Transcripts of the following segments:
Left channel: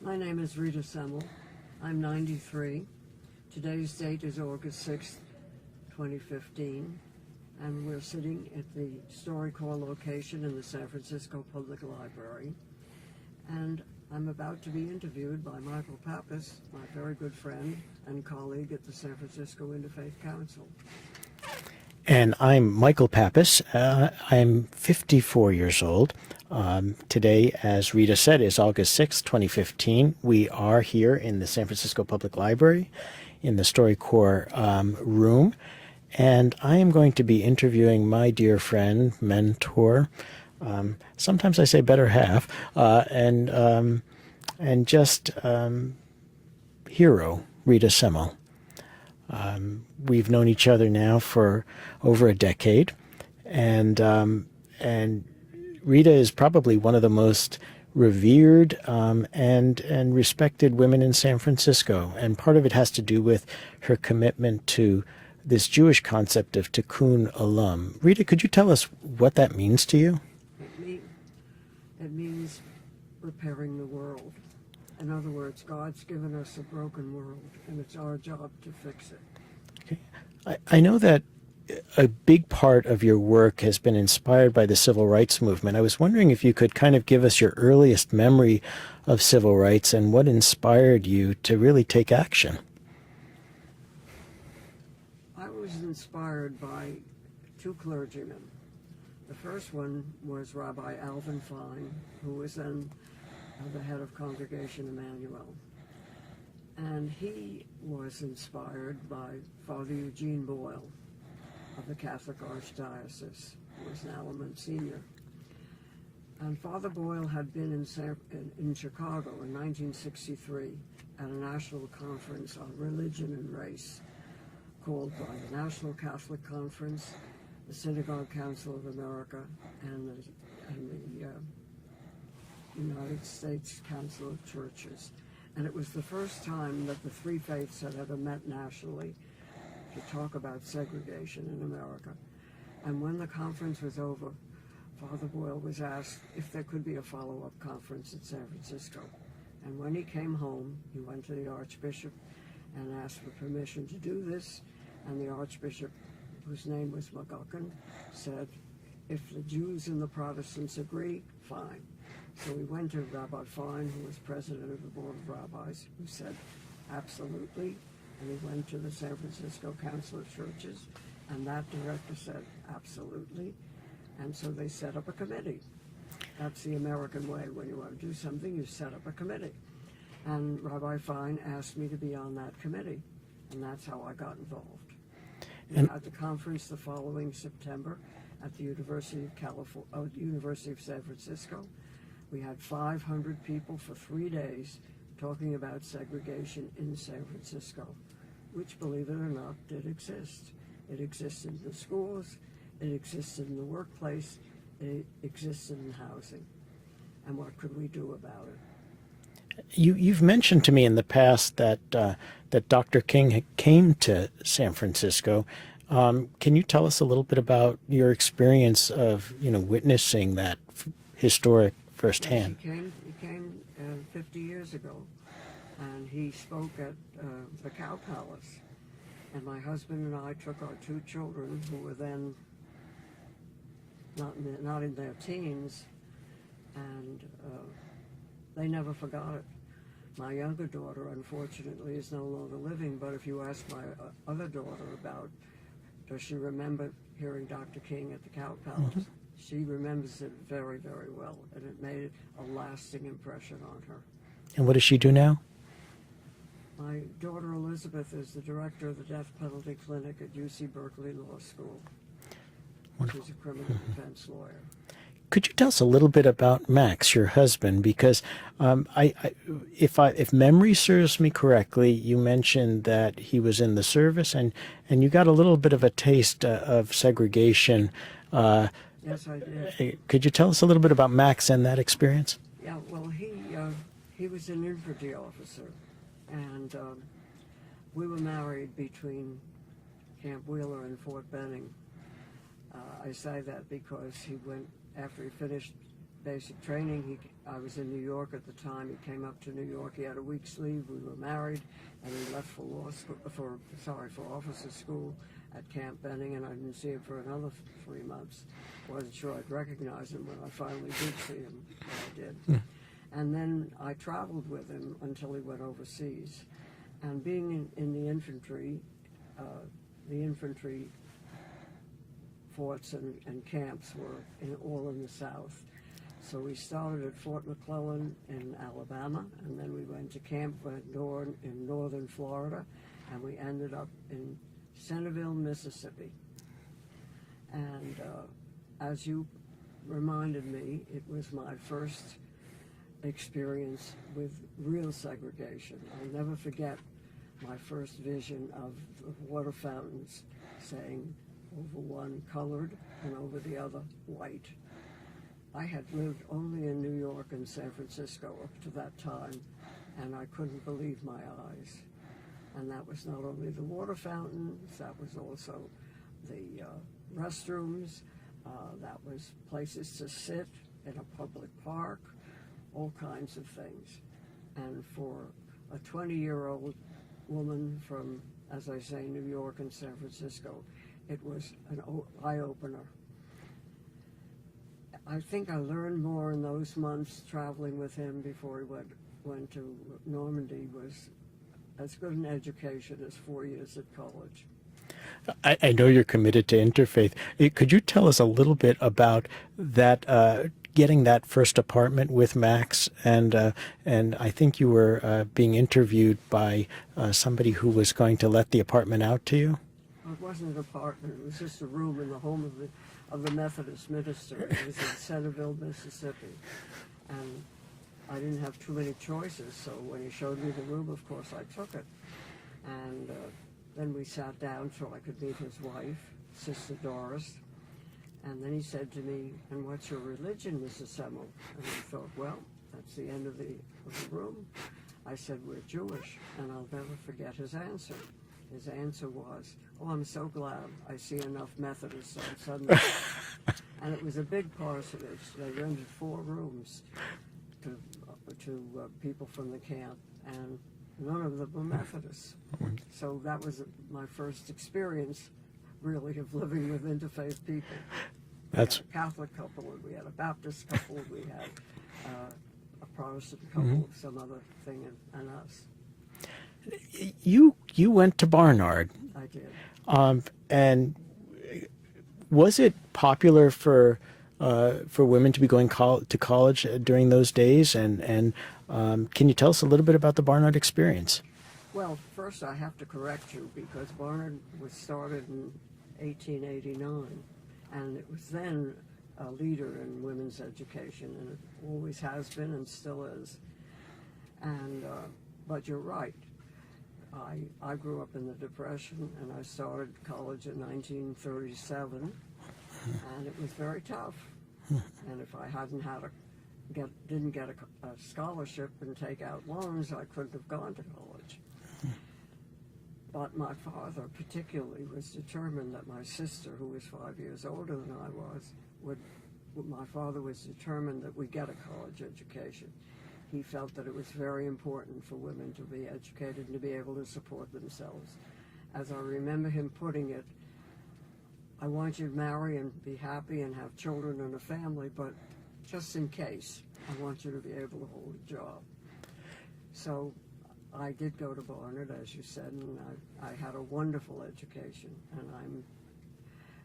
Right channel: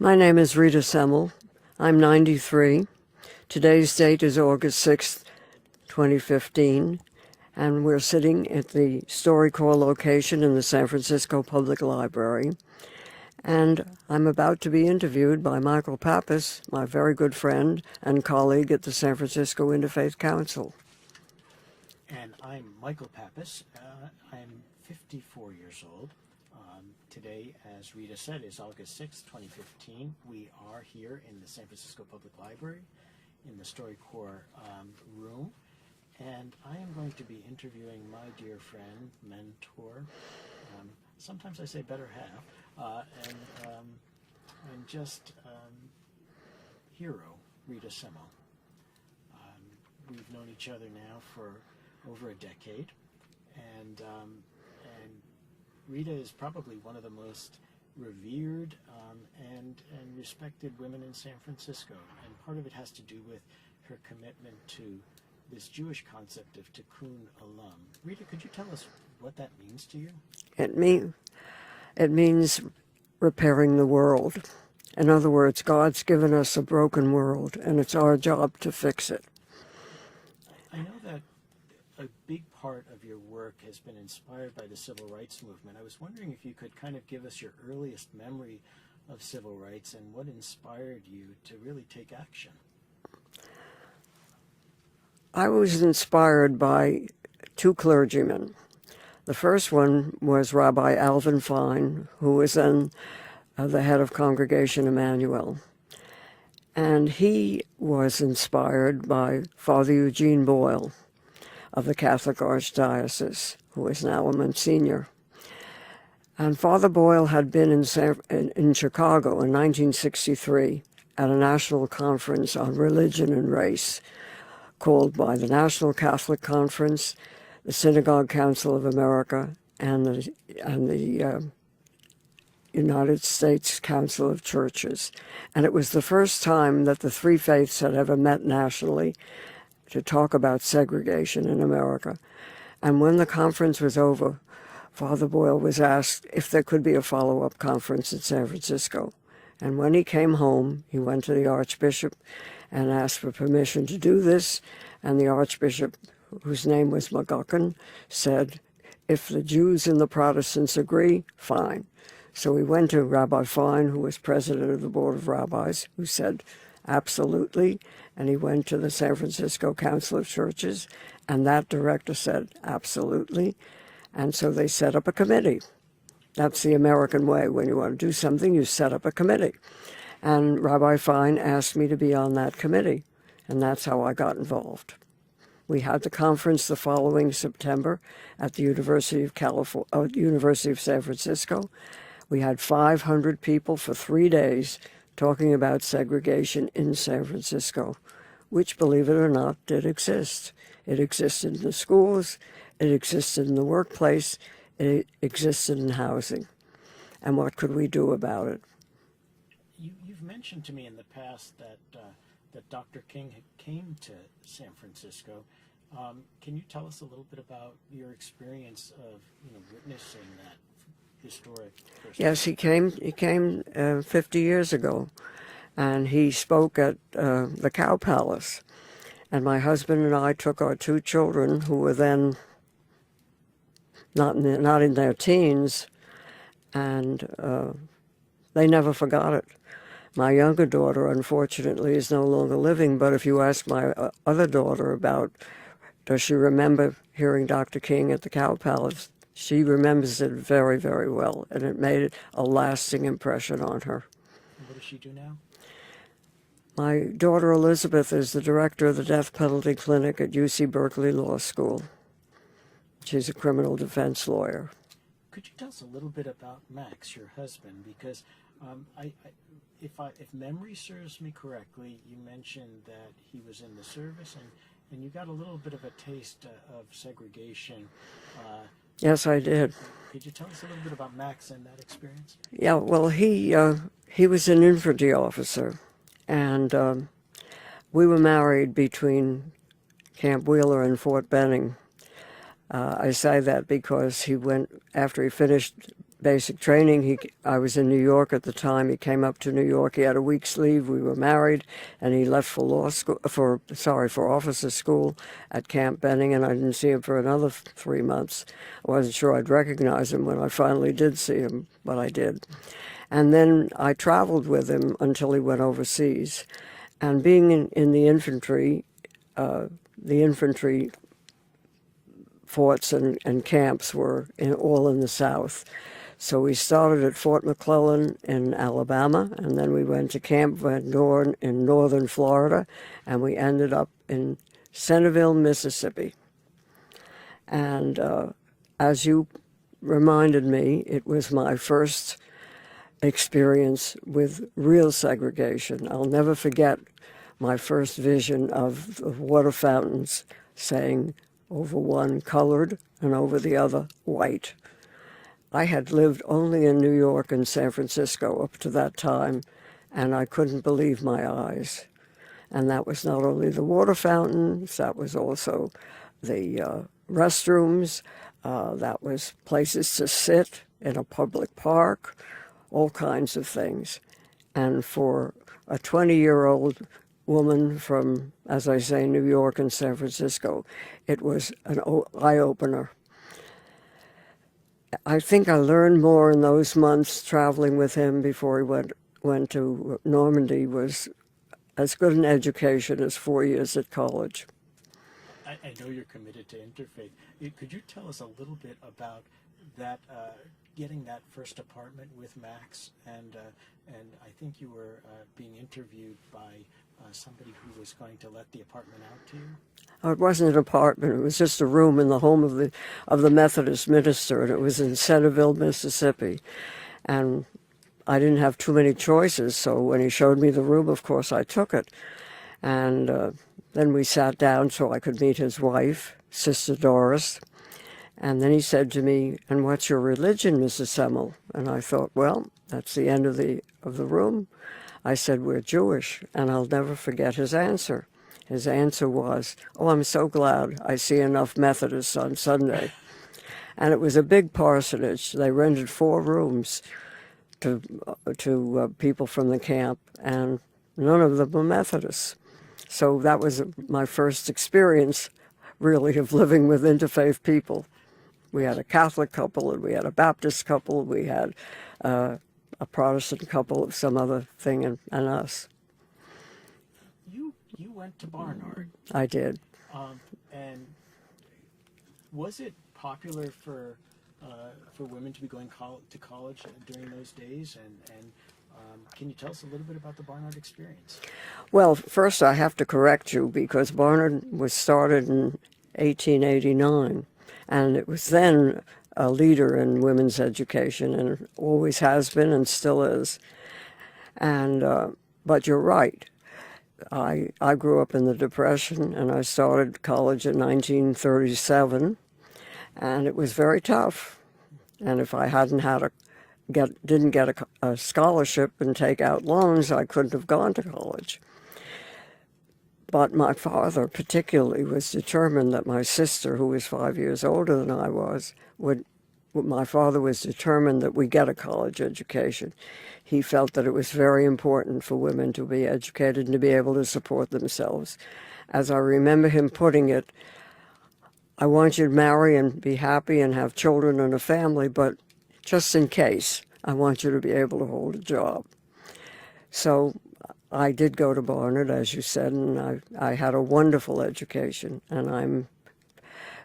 My name is Rita Semel. I'm 93. Today's date is August 6th, 2015, and we're sitting at the StoryCorps location in the San Francisco Public Library. And I'm about to be interviewed by Michael Pappas, my very good friend and colleague at the San Francisco Interfaith Council. And I'm Michael Pappas. I'm 54 years old. Today, as Rita said, is August 6th, 2015. We are here in the San Francisco Public Library in the StoryCorps room. And I am going to be interviewing my dear friend, mentor, sometimes I say better half, and just hero, Rita Semel. We've known each other now for over a decade, and Rita is probably one of the most revered and respected women in San Francisco, and part of it has to do with her commitment to this Jewish concept of tikkun olam. Rita, could you tell us what that means to you? It means repairing the world. In other words, God's given us a broken world, and it's our job to fix it. I know that a big part of your work has been inspired by the civil rights movement. I was wondering if you could kind of give us your earliest memory of civil rights and what inspired you to really take action. I was inspired by two clergymen. The first one was Rabbi Alvin Fine, who was then the head of Congregation Emmanuel. And he was inspired by Father Eugene Boyle of the Catholic Archdiocese, who is now a Monsignor. And Father Boyle had been in Chicago in 1963 at a national conference on religion and race called by the National Catholic Conference, the Synagogue Council of America, and the United States Council of Churches. And it was the first time that the three faiths had ever met nationally to talk about segregation in America. And when the conference was over, Father Boyle was asked if there could be a follow-up conference in San Francisco. And when he came home, he went to the Archbishop and asked for permission to do this. And the Archbishop, whose name was McGuckin, said, if the Jews and the Protestants agree, fine. So we went to Rabbi Fine, who was president of the Board of Rabbis, who said, absolutely. And he went to the San Francisco Council of Churches, and that director said, absolutely. And so they set up a committee. That's the American way. When you want to do something, you set up a committee. And Rabbi Fine asked me to be on that committee, and that's how I got involved. We had the conference the following September at the University of San Francisco. We had 500 people for 3 days talking about segregation in San Francisco, which, believe it or not, did exist. It existed in the schools, it existed in the workplace, it existed in housing. And what could we do about it? You've mentioned to me in the past that Dr. King came to San Francisco. Can you tell us a little bit about your experience of witnessing that historic firsthand? Yes, he came 50 years ago, and he spoke at the Cow Palace. And my husband and I took our two children, who were then not in their teens, and they never forgot it. My younger daughter, unfortunately, is no longer living, but if you ask my other daughter about, does she remember hearing Dr. King at the Cow Palace, she remembers it very, very well, and it made a lasting impression on her. And what does she do now? My daughter Elizabeth is the director of the death penalty clinic at UC Berkeley Law School. She's a criminal defense lawyer. Could you tell us a little bit about Max, your husband? Because if memory serves me correctly, you mentioned that he was in the service, and you got a little bit of a taste of segregation. Yes, I did. Could you tell us a little bit about Max and that experience? Yeah, well, he was an infantry officer, and we were married between Camp Wheeler and Fort Benning. I say that because he went, after he finished basic training. I was in New York at the time. He came up to New York. He had a week's leave. We were married, and he left for law school, for officer school at Camp Benning, and I didn't see him for another 3 months. I wasn't sure I'd recognize him when I finally did see him, but I did. And then I traveled with him until he went overseas. And being in the infantry forts and camps were all in the South. So we started at Fort McClellan in Alabama, and then we went to Camp Van Dorn in northern Florida, and we ended up in Centerville, Mississippi. And as you reminded me, it was my first experience with real segregation. I'll never forget my first vision of the water fountains saying over one colored and over the other white. I had lived only in New York and San Francisco up to that time, and I couldn't believe my eyes. And that was not only the water fountains, that was also the restrooms, that was places to sit in a public park, all kinds of things. And for a 20-year-old woman from, as I say, New York and San Francisco, it was an eye-opener. I think I learned more in those months traveling with him before he went to Normandy was as good an education as 4 years at college. I know you're committed to Interfaith. Could you tell us a little bit about that, getting that first apartment with Max? And I think you were being interviewed by somebody who was going to let the apartment out to you? It wasn't an apartment. It was just a room in the home of the Methodist minister, and it was in Centerville, Mississippi. And I didn't have too many choices, so when he showed me the room, of course, I took it. And then we sat down so I could meet his wife, Sister Doris. And then he said to me, "And what's your religion, Mrs. Semel?" And I thought, well, that's the end of the room. I said, "We're Jewish," and I'll never forget his answer. His answer was, "Oh, I'm so glad I see enough Methodists on Sunday." And it was a big parsonage. They rented 4 rooms to people from the camp, and none of them were Methodists. So that was my first experience, really, of living with interfaith people. We had a Catholic couple, and we had a Baptist couple, we had a Protestant couple of some other thing, and us. You went to Barnard. I did. And was it popular for women to be going to college during those days? And can you tell us a little bit about the Barnard experience? Well, first I have to correct you, because Barnard was started in 1889, and it was then a leader in women's education, and always has been and still is. And but you're right. I grew up in the Depression, and I started college in 1937, and it was very tough. And if I hadn't didn't get a scholarship and take out loans, I couldn't have gone to college. But my father particularly was determined that my sister, who was 5 years older than I was, my father was determined that we get a college education. He felt that it was very important for women to be educated and to be able to support themselves. As I remember him putting it, "I want you to marry and be happy and have children and a family, but just in case, I want you to be able to hold a job." So I did go to Barnard, as you said, and I had a wonderful education, and I'm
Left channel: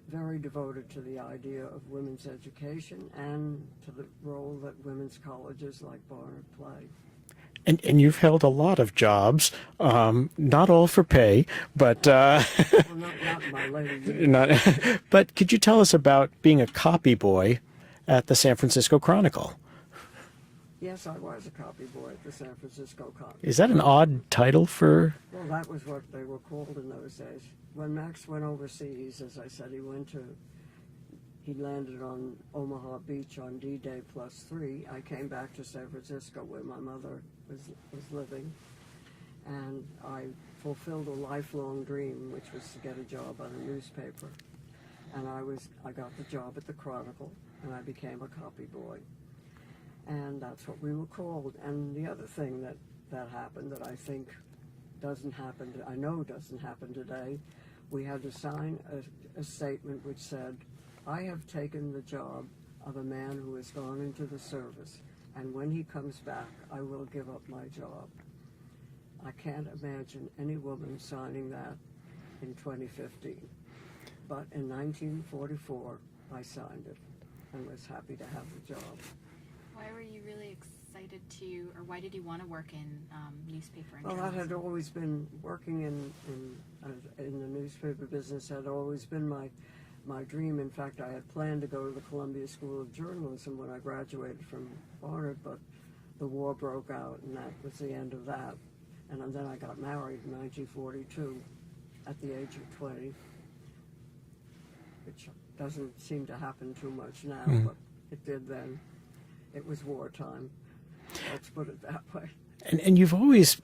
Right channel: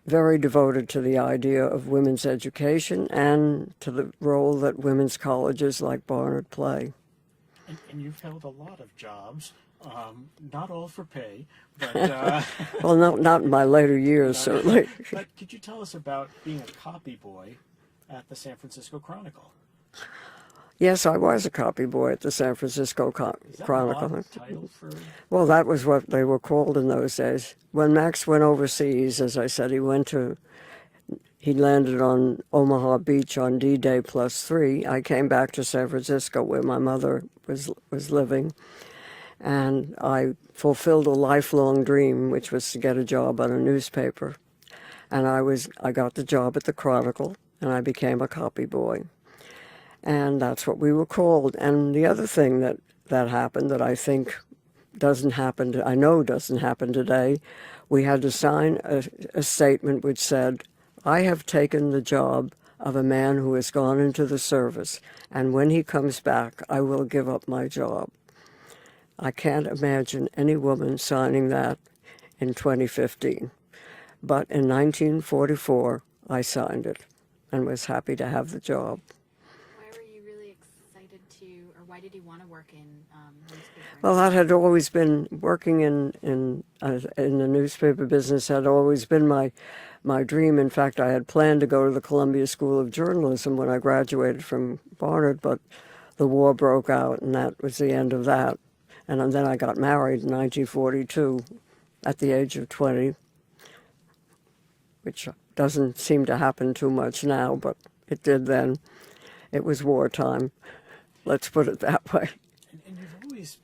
very devoted to the idea of women's education and to the role that women's colleges like Barnard play. And you've held a lot of jobs, not all for pay, but... Well, not in my later years. But could you tell us about being a copy boy at the San Francisco Chronicle? Yes, I was a copy boy at the San Francisco Chronicle. Is that an odd title for... Well, that was what they were called in those days. When Max went overseas, as I said, he landed on Omaha Beach on D-Day +3. I came back to San Francisco, where my mother was living, and I fulfilled a lifelong dream, which was to get a job on a newspaper. And I got the job at the Chronicle, and I became a copy boy. And that's what we were called. And the other thing that happened that I think doesn't happen, I know doesn't happen today, we had to sign a statement which said, I have taken the job of a man who has gone into the service, and when he comes back, I will give up my job. I can't imagine any woman signing that in 2015. But in 1944, I signed it and was happy to have the job. Why were you really excited to, or why did you want to work in newspaper? Well, that had always been working in the newspaper business had always been my dream. In fact, I had planned to go to the Columbia School of Journalism when I graduated from Barnard, but the war broke out, and that was the end of that. And then I got married in 1942 at the age of 20, which doesn't seem to happen too much now, but it did then. It was wartime. Let's put it that way. And you've always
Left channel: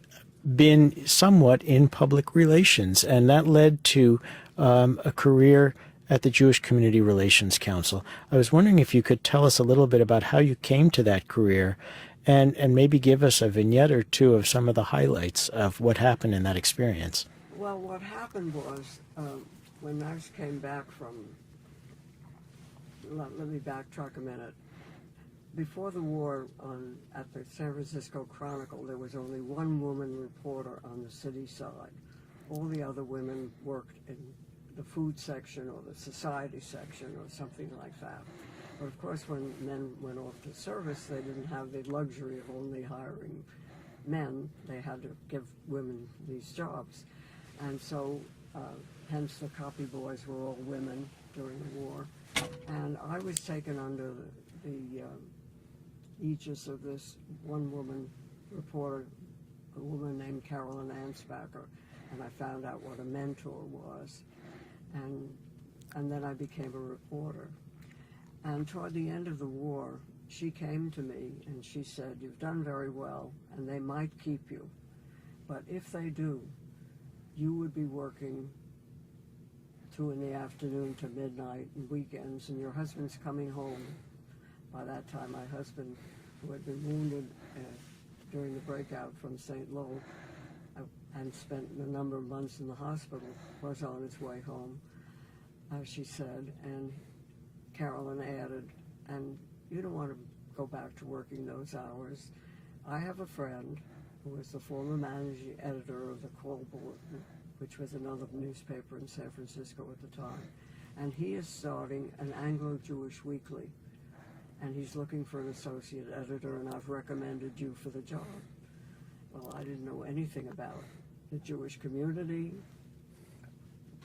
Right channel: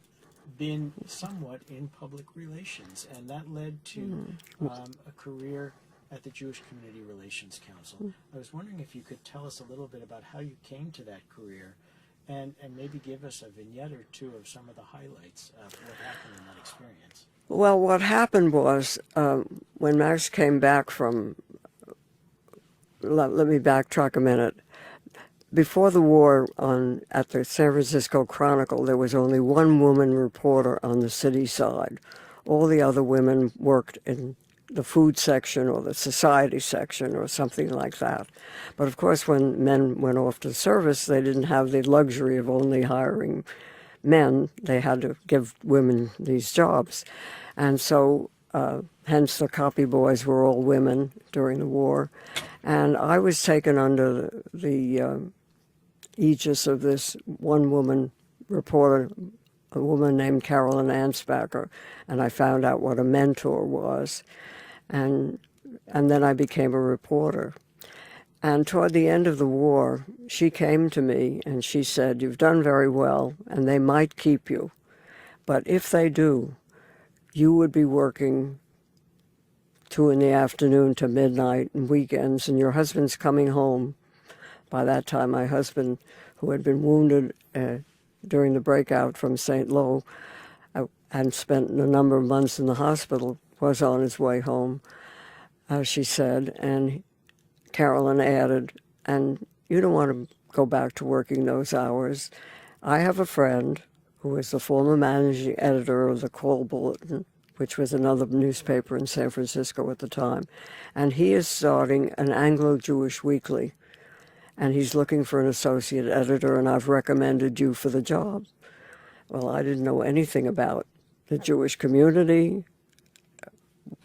been somewhat in public relations, and that led to a career at the Jewish Community Relations Council. I was wondering if you could tell us a little bit about how you came to that career, and maybe give us a vignette or two of some of the highlights of what happened in that experience. Well, what happened was when Max came back from, let me backtrack a minute. Before the war, at the San Francisco Chronicle, there was only one woman reporter on the city side. All the other women worked in the food section or the society section or something like that. But of course, when men went off to service, they didn't have the luxury of only hiring men. They had to give women these jobs. And so, hence the copy boys were all women during the war. And I was taken under the aegis of this one woman reporter, a woman named Carolyn Ansbacher, and I found out what a mentor was. And then I became a reporter. And toward the end of the war, she came to me and she said, you've done very well, and they might keep you. But if they do, you would be working 2 in the afternoon to midnight and weekends, and your husband's coming home. By that time, my husband, who had been wounded during the breakout from St. Lo and spent a number of months in the hospital, was on his way home, she said. And Carolyn added, and you don't want to go back to working those hours. I have a friend who was the former managing editor of the Call Bulletin, which was another newspaper in San Francisco at the time, and he is starting an Anglo-Jewish weekly, and he's looking for an associate editor, and I've recommended you for the job. Well, I didn't know anything about the Jewish community.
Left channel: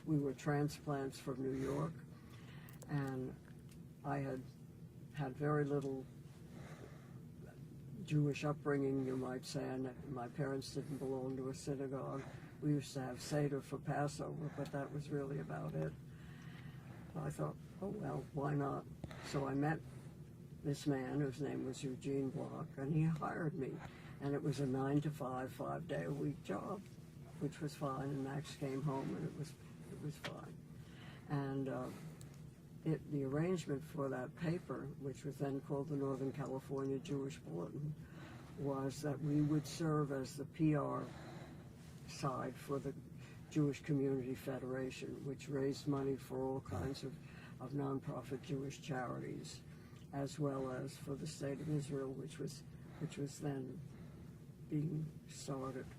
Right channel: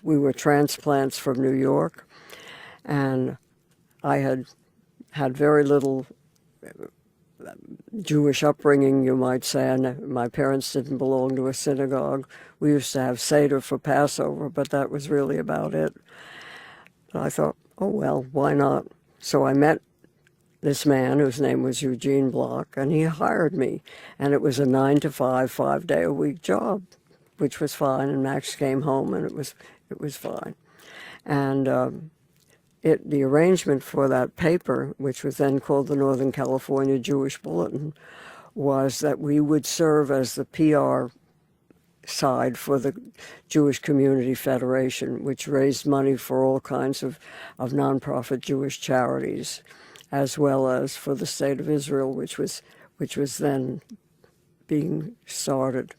We were transplants from New York, and I had very little Jewish upbringing, you might say, and my parents didn't belong to a synagogue. We used to have Seder for Passover, but that was really about it. And I thought, oh, well, why not? So I met this man whose name was Eugene Block, and he hired me. And it was a 9-to-5, 5-day-a-week job, which was fine. And Max came home, and it was fine. And the arrangement for that paper, which was then called the Northern California Jewish Bulletin, was that we would serve as the PR side for the Jewish Community Federation, which raised money for all kinds of nonprofit Jewish charities, as well as for the State of Israel, which was then being started.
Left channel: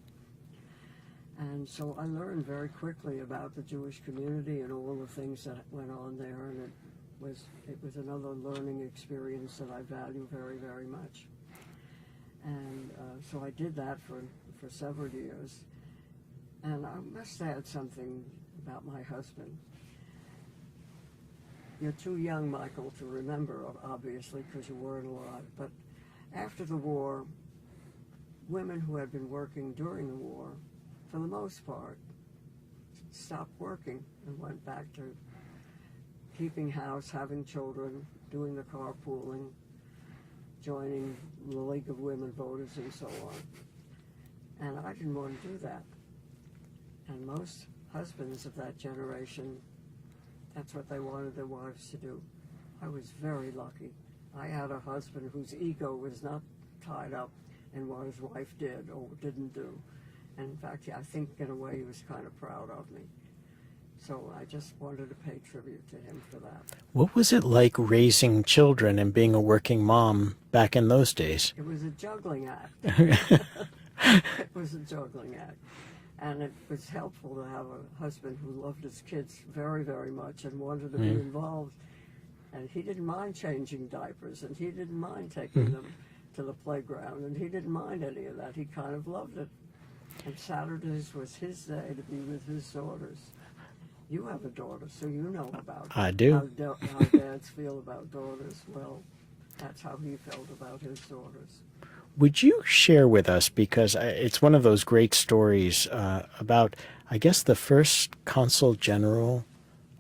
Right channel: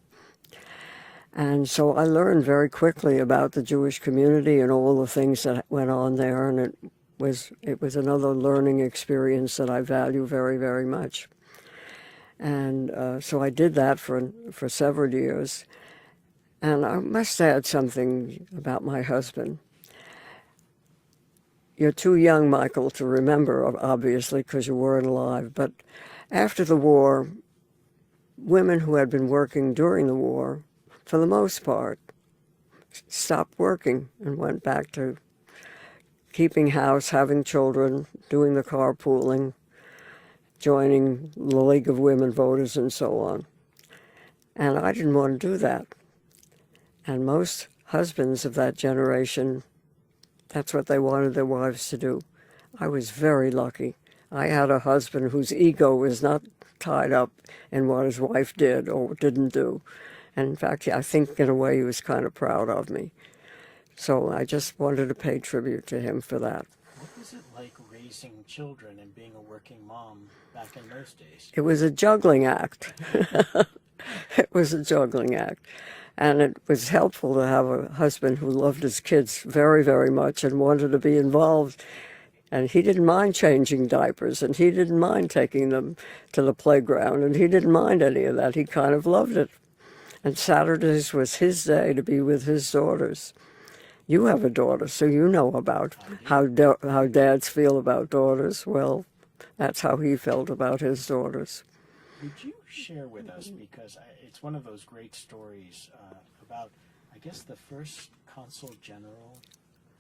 And so I learned very quickly about the Jewish community and all the things that went on there, and it was another learning experience that I value very, very much. And so I did that for several years. And I must add something about my husband. You're too young, Michael, to remember, obviously, because you weren't alive. But after the war, women who had been working during the war, for the most part, stopped working and went back to keeping house, having children, doing the carpooling, joining the League of Women Voters and so on. And I didn't want to do that. And most husbands of that generation, that's what they wanted their wives to do. I was very lucky. I had a husband whose ego was not tied up in what his wife did or didn't do. And in fact, I think in a way he was kind of proud of me. So I just wanted to pay tribute to him for that. What was it like raising children and being a working mom back in those days? It was a juggling act. It was a juggling act. And it was helpful to have a husband who loved his kids very, very much and wanted to be involved. And he didn't mind changing diapers, and he didn't mind taking them to the playground, and he didn't mind any of that. He kind of loved it. And Saturdays was his day to be with his daughters. You have a daughter, so you know about I do. how dads feel about daughters. Well, that's how he felt about his daughters. Would you share with us, because it's one of those great stories about, I guess, the first Consul General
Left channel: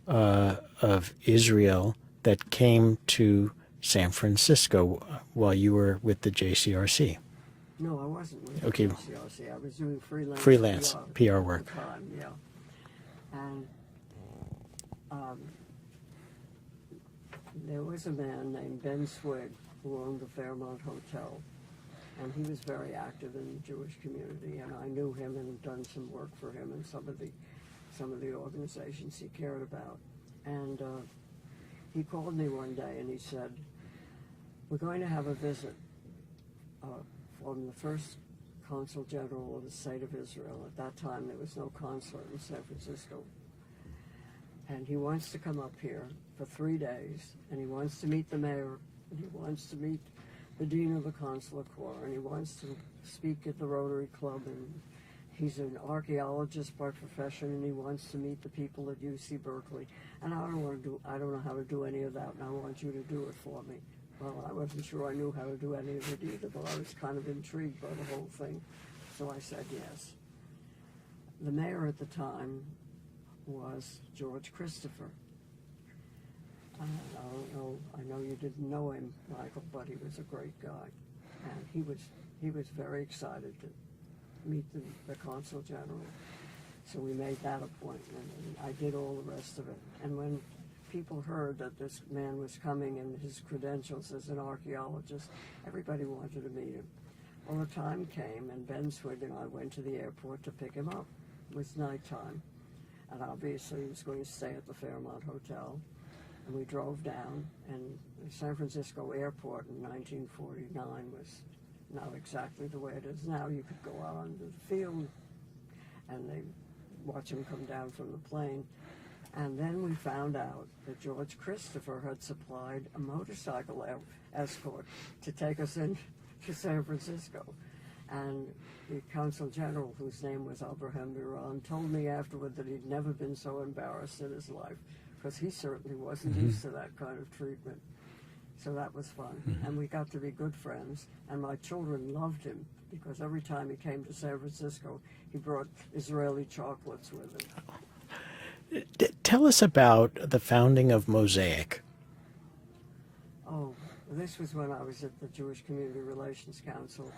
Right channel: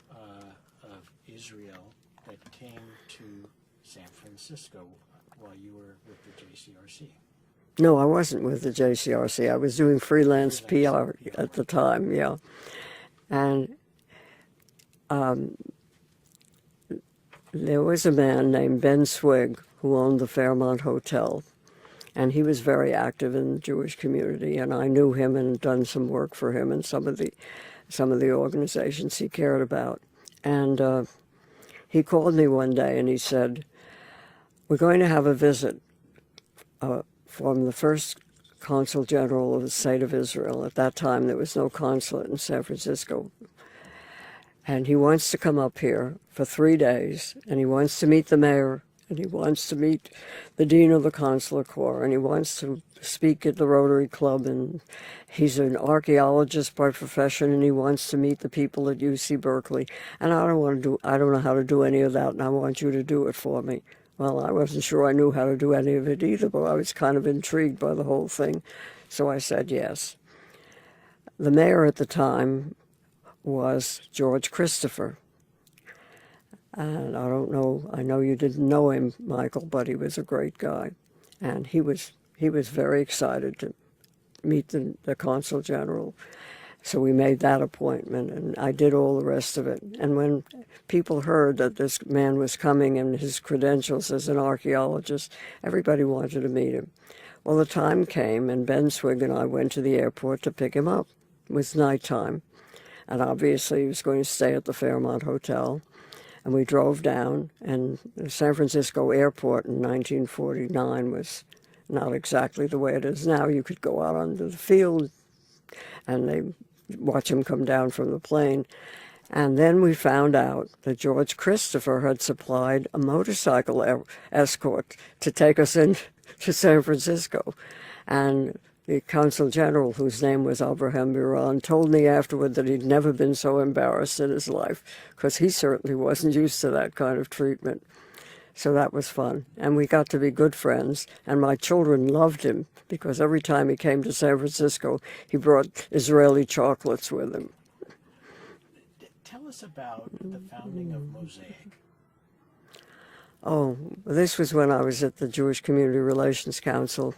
of Israel that came to San Francisco while you were with the JCRC? No, I wasn't with the Okay. JCRC. I was doing freelance PR at work. the time, yeah. And there was a man named Ben Swig who owned the Fairmont Hotel, and he was very active in the Jewish community, and I knew him and done some work for him and some of the organizations he cared about. And he called me one day and he said, "We're going to have a visit from the first Consul General of the State of Israel." At that time, there was no consulate in San Francisco. And he wants to come up here for 3 days, and he wants to meet the mayor, and he wants to meet the dean of the Consular Corps, and he wants to speak at the Rotary Club, and he's an archaeologist by profession, and he wants to meet the people at UC Berkeley. And I don't know how to do any of that, and I want you to do it for me. Well, I wasn't sure I knew how to do any of it either, but I was kind of intrigued by the whole thing. So I said yes. The mayor at the time was George Christopher. And I don't know, I know you didn't know him, Michael, but he was a great guy. And he was very excited to meet the Consul General. So we made that appointment, and I did all the rest of it. And when people heard that this man was coming and his credentials as an archaeologist, everybody wanted to meet him. Well, the time came, and Ben Swig and I went to the airport to pick him up. It was nighttime, and obviously he was going to stay at the Fairmont Hotel. And we drove down, and the San Francisco airport in 1949 was not exactly the way it is now. You could go out onto the field, and they watch him come down from the plane. And then we found out that George Christopher had supplied a motorcycle escort to take us into San Francisco. And the Consul General, whose name was Abraham Biran, told me afterward that he'd never been so embarrassed in his life, because he certainly wasn't used to that kind of treatment. So that was fun. And we got to be good friends, and my children loved him, because every time he came to San Francisco, he brought Israeli chocolates with him. Tell us about the founding of Mosaic. Oh, this was when I was at the Jewish Community Relations Council.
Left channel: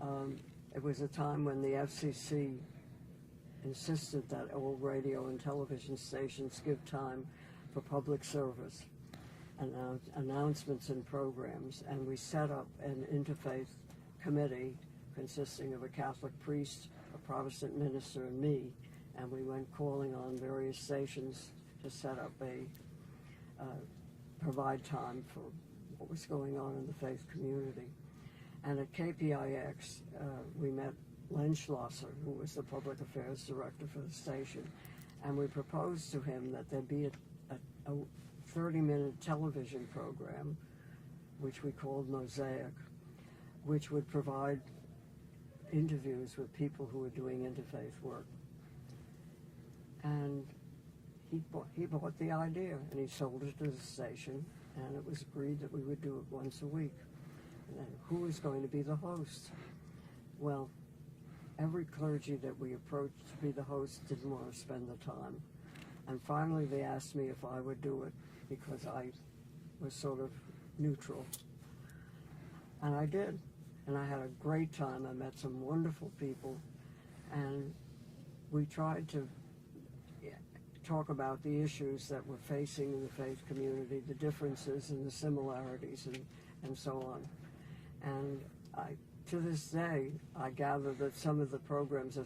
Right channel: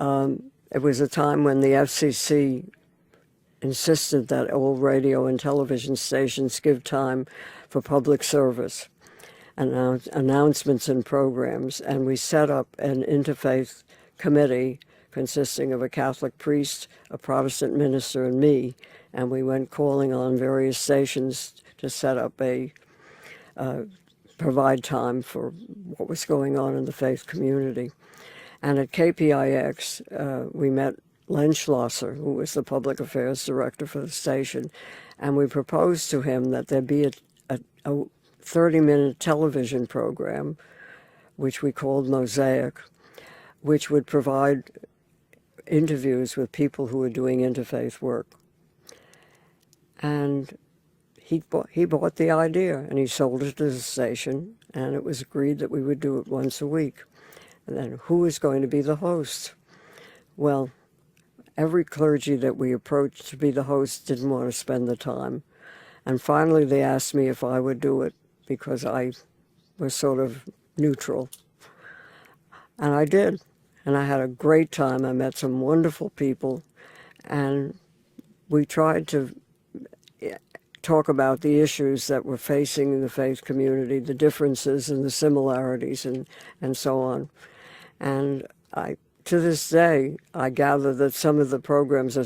It was a time when the FCC insisted that all radio and television stations give time for public service, announcements and programs, and we set up an interfaith committee consisting of a Catholic priest, a Protestant minister, and me, and we went calling on various stations to set up provide time for what was going on in the faith community. And at KPIX, we met Len Schlosser, who was the public affairs director for the station, and we proposed to him that there be a 30-minute television program, which we called Mosaic, which would provide interviews with people who were doing interfaith work. And he bought the idea, and he sold it to the station, and it was agreed that we would do it once a week. And then who was going to be the host? Well, every clergy that we approached to be the host didn't want to spend the time. And finally they asked me if I would do it, because I was sort of neutral. And I did. And I had a great time. I met some wonderful people. And we tried to talk about the issues that we're facing in the faith community, the differences and the similarities and so on. And to this day, I gather that some of the programs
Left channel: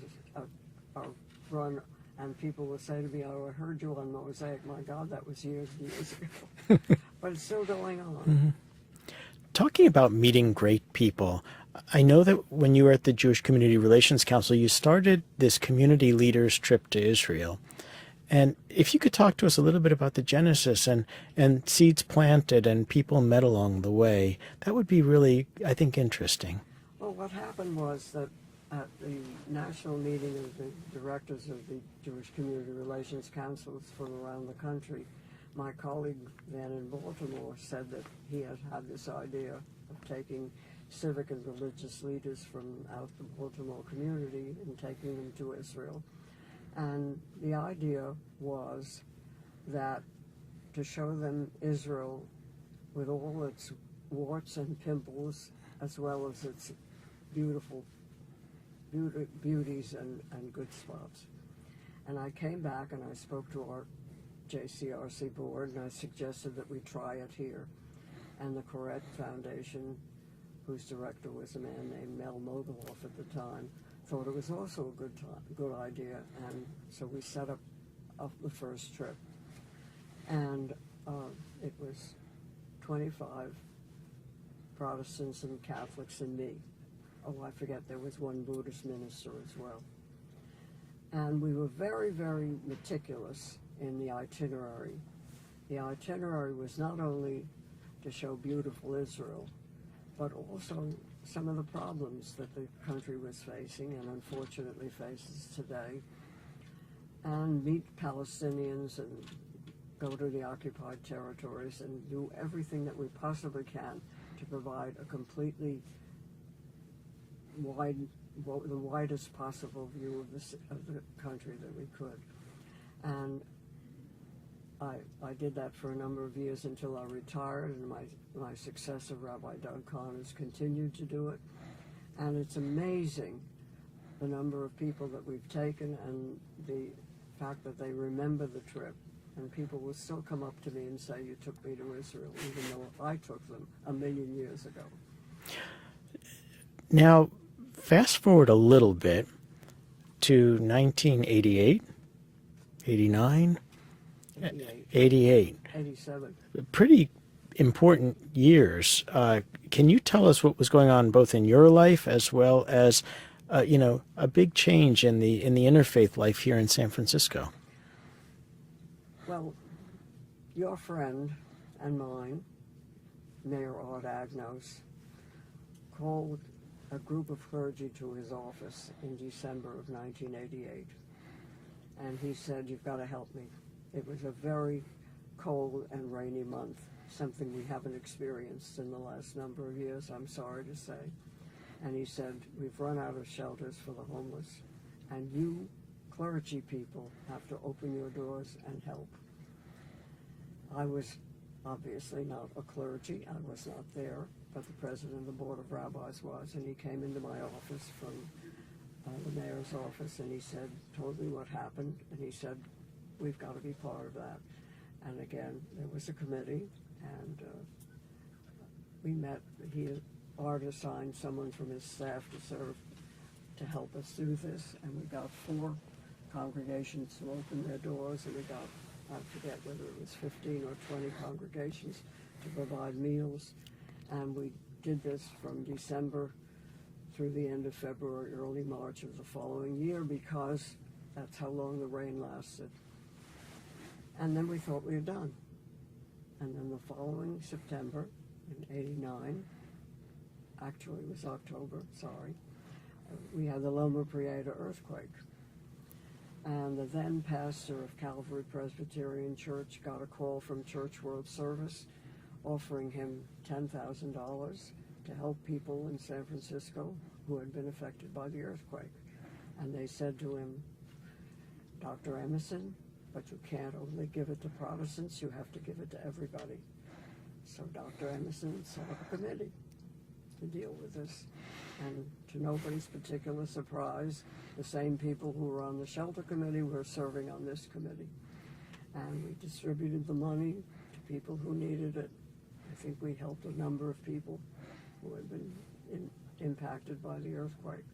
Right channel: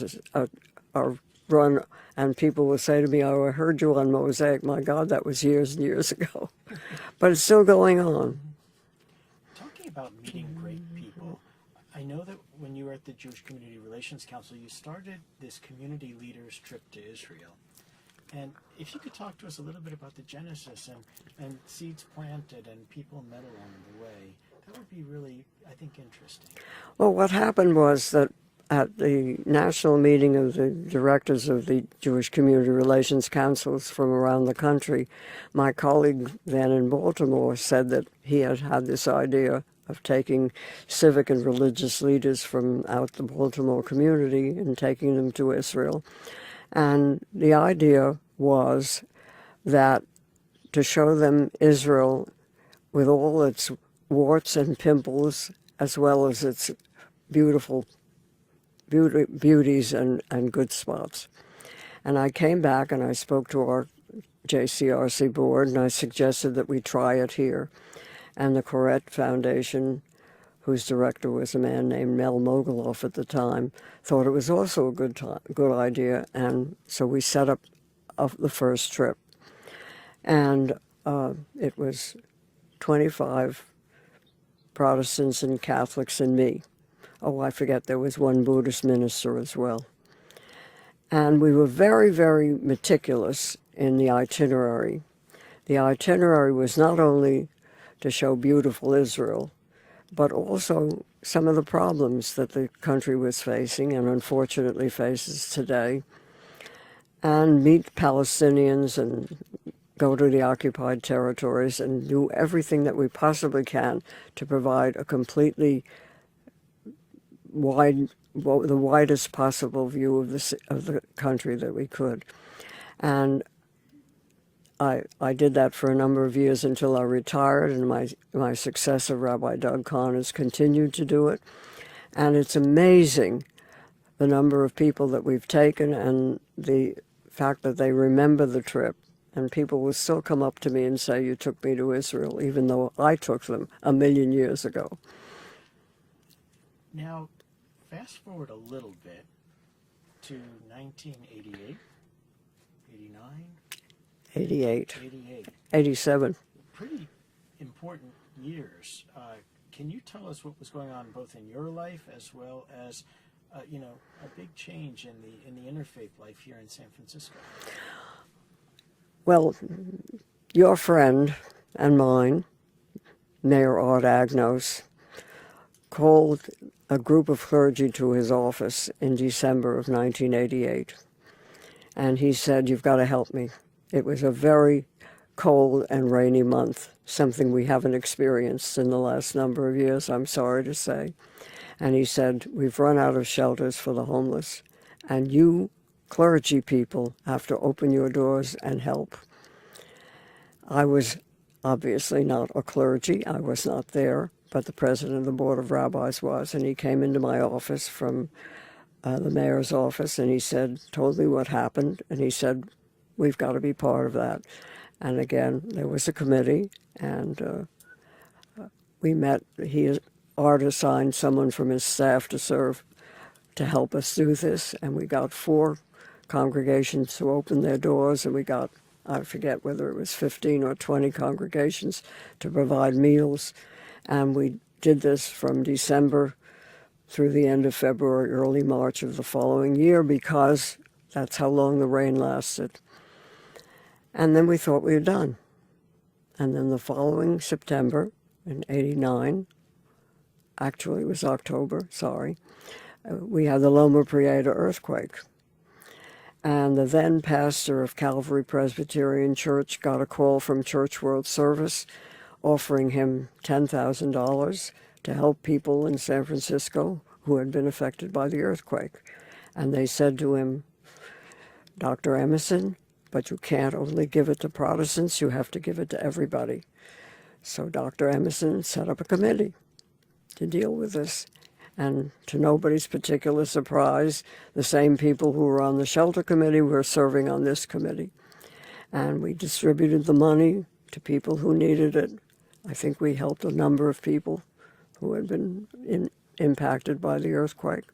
are run, and people will say to me, "Oh, I heard you on Mosaic." My God, that was years and years ago. But it's still going on. Mm-hmm. Talking about meeting great people, I know that when you were at the Jewish Community Relations Council, you started this community leaders trip to Israel. And if you could talk to us a little bit about the genesis and seeds planted and people met along the way, that would be really, I think, interesting. Well, what happened was that at the national meeting of the directors of the Jewish Community Relations Councils from around the country, my colleague then in Baltimore said that he had had this idea of taking civic and religious leaders from out the Baltimore community and taking them to Israel. And the idea was that to show them Israel with all its warts and pimples, as well as its beauties and good spots. And I came back and I spoke to our JCRC board and I suggested that we try it here. And the Koret Foundation, whose director was a man named Mel Mogoloff at the time, thought it was also a good idea, and so we set up the first trip. And it was 25 Protestants and Catholics and me. Oh, I forget, there was one Buddhist minister as well. And we were very, very meticulous in the itinerary. The itinerary was not only to show beautiful Israel, but also some of the problems that the country was facing and unfortunately faces today, and meet Palestinians and go to the occupied territories and do everything that we possibly can to provide a completely the widest possible view of the country that we could. And I did that for a number of years until I retired, and my successor, Rabbi Doug Kahn, has continued to do it. And it's amazing the number of people that we've taken and the fact that they remember the trip. And people will still come up to me and say, "You took me to Israel," even though I took them 1,000,000 years ago. Now, fast forward a little bit to 1988, 89? 88. 88. 87. Pretty important years. Can you tell us what was going on both in your life as well as, a big change in the interfaith life here in San Francisco? Well, your friend and mine, Mayor Art Agnos, called a group of clergy to his office in December of 1988. And he said, "You've got to help me." It was a very cold and rainy month, something we haven't experienced in the last number of years, I'm sorry to say. And he said, "We've run out of shelters for the homeless, and you clergy people have to open your doors and help." I was obviously not a clergy. I was not there, but the president of the Board of Rabbis was, and he came into my office from the mayor's office, and he told me what happened, and he said, "We've got to be part of that." And again, there was a committee, and we met. Art assigned someone from his staff to help us do this, and we got 4 congregations to open their doors, and we got, I forget whether it was 15 or 20 congregations to provide meals. And we did this from December through the end of February, early March of the following year, because that's how long the rain lasted. And then we thought we were done. And then the following September in 89, actually it was October, sorry, we had the Loma Prieta earthquake. And the then pastor of Calvary Presbyterian Church got a call from Church World Service offering him $10,000 to help people in San Francisco who had been affected by the earthquake. And they said to him, "Dr. Emerson, but you can't only give it to Protestants, you have to give it to everybody." So Dr. Emerson set up a committee to deal with this. And to nobody's particular surprise, the same people who were on the shelter committee were serving on this committee. and we distributed the money to people who needed it. I think we helped a number of people who had been impacted by the earthquake.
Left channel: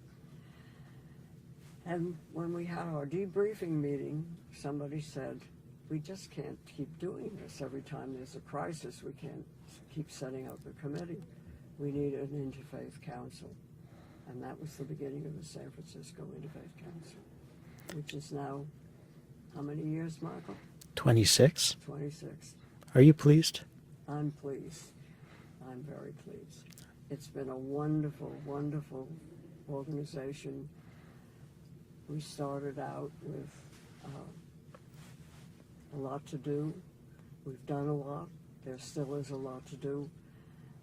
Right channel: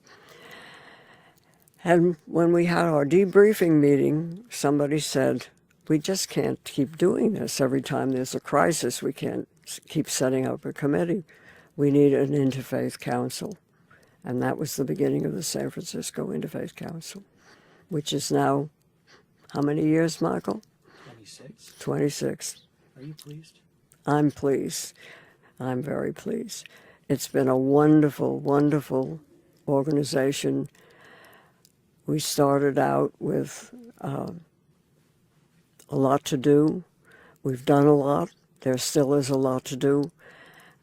And when we had our debriefing meeting, somebody said, we just can't keep doing this. Every time there's a crisis, we can't keep setting up a committee. We need an Interfaith Council. And that was the beginning of the San Francisco Interfaith Council, which is now, how many years, Michael? 26. 26. Are you pleased? I'm pleased. I'm very pleased. It's been a wonderful, wonderful organization. We started out with a lot to do. We've done a lot. There still is a lot to do.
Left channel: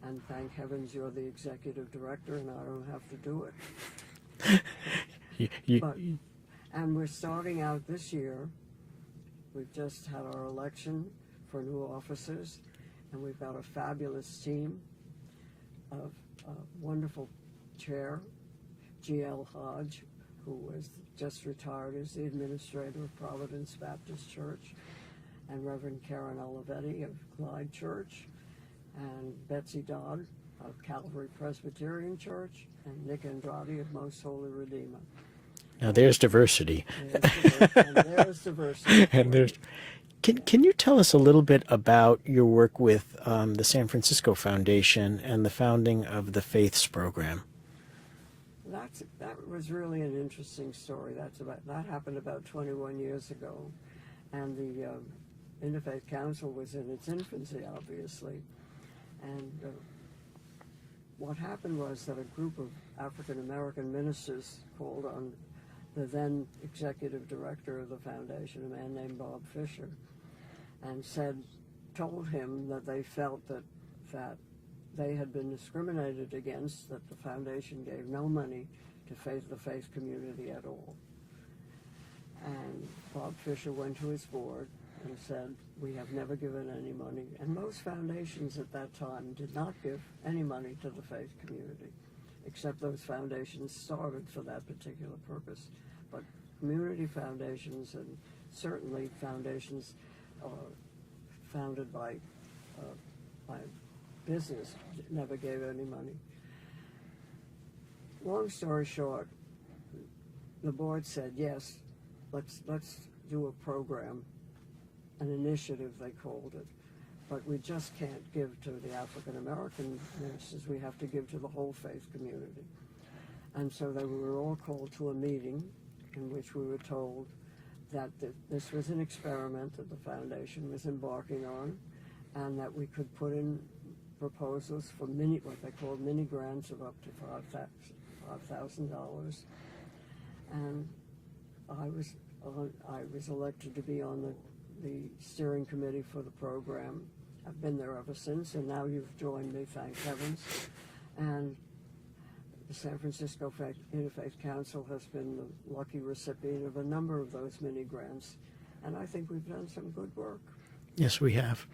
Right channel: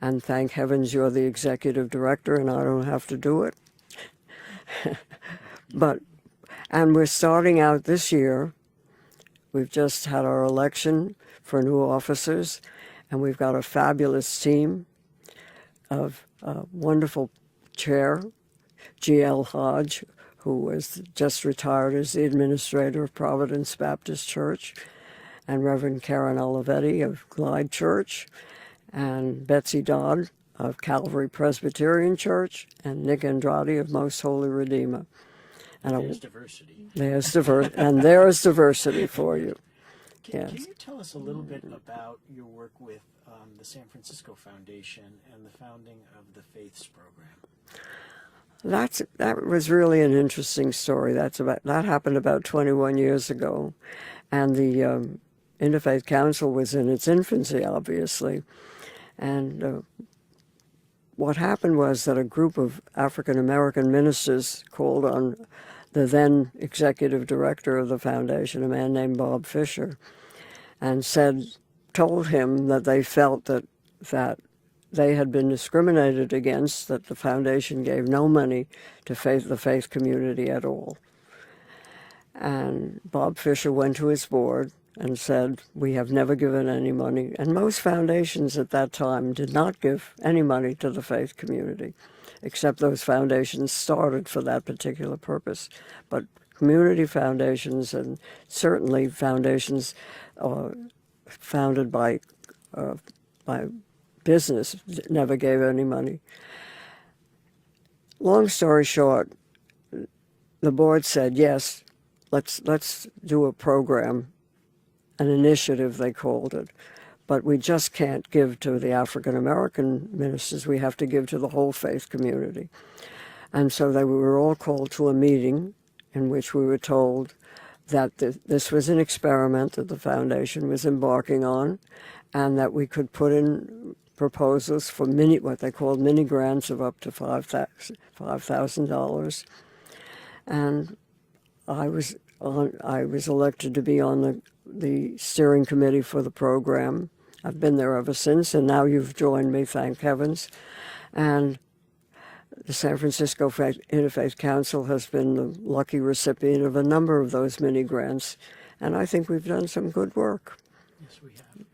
And thank heavens you're the executive director and I don't have to do it. And we're starting out this year. We've just had our election for new officers, and we've got a fabulous team of wonderful chair, G.L. Hodge, who was just retired as the administrator of Providence Baptist Church, and Reverend Karen Olivetti of Glide Church, and Betsy Dodd of Calvary Presbyterian Church, and Nick Andrade of Most Holy Redeemer. Now there's diversity. There's diversity for you. Can you tell us a little bit about your work with the San Francisco Foundation and the founding of the Faiths program? That was really an interesting story. That happened about 21 years ago, and the Interfaith Council was in its infancy, obviously. And what happened was that a group of African-American ministers called on the then executive director of the foundation, a man named Bob Fisher, and told him that they felt that they had been discriminated against, that the foundation gave no money to the faith community at all. And Bob Fisher went to his board and said, we have never given any money. And most foundations at that time did not give any money to the faith community, except those foundations started for that particular purpose. But community foundations, and certainly foundations founded by business, never gave any money. Long story short, the board said, yes, let's do a program, an initiative they called it, but we just can't give to the African American ministers. We have to give to the whole faith community. And so we were all called to a meeting in which we were told that this was an experiment that the foundation was embarking on, and that we could put in proposals for what they called mini grants of up to $5,000. And I was elected to be on the steering committee for the program. I've been there ever since, and now you've joined me, thank heavens. And the San Francisco Interfaith Council has been the lucky recipient of a number of those mini grants, and I think we've done some good work. Yes, we have.